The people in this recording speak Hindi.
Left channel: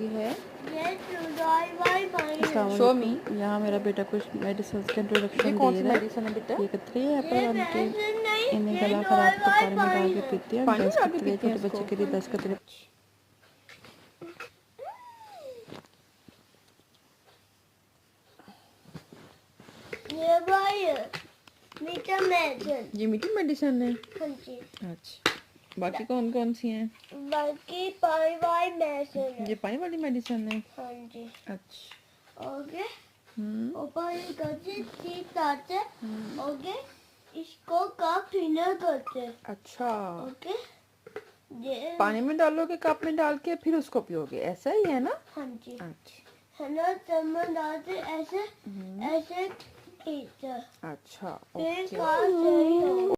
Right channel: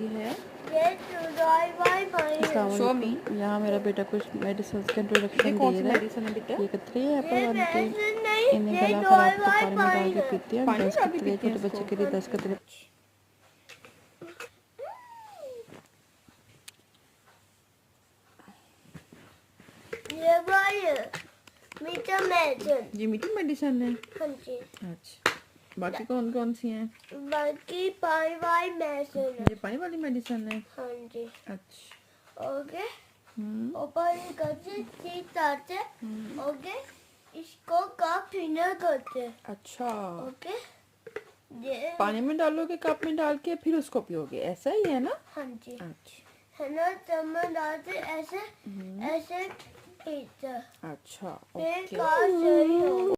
सी है। Show me. यहाँ मेरा बेटा कुछ मेडिसिन का इंट्रोडक्शन ये कौन दे सी रहा है। मेडिसिन है बेटा? ये कतरे एप्पल बन के इन्हें गला खराब तो पानी में डाल के पीते हैं। पानी में 10 डाल के कतरे पीते हैं छोटे बच्चे इसको? के लिए 10 कतरे। ये मीठी मेडिसिन है। हाँ जी। अच्छा, बाकी कौन कौन सी हैं? बाकी पाई वाई मेडिसिन है। ये पानी वाली मेडिसिन है। हाँ जी। अच्छा। ओके। ऊपर करते ठीक करते। ओके। इसको कप फिनर करते। अच्छा, ओके। ये पानी में डालोगे कप में डाल के फिर उसको पियोगे, ऐसा ही है ना? हाँ जी। अच्छा है ना, चम्मच डालते ऐसे ऐसे खींचते। अच्छा, फिर ओके। काट सही हो।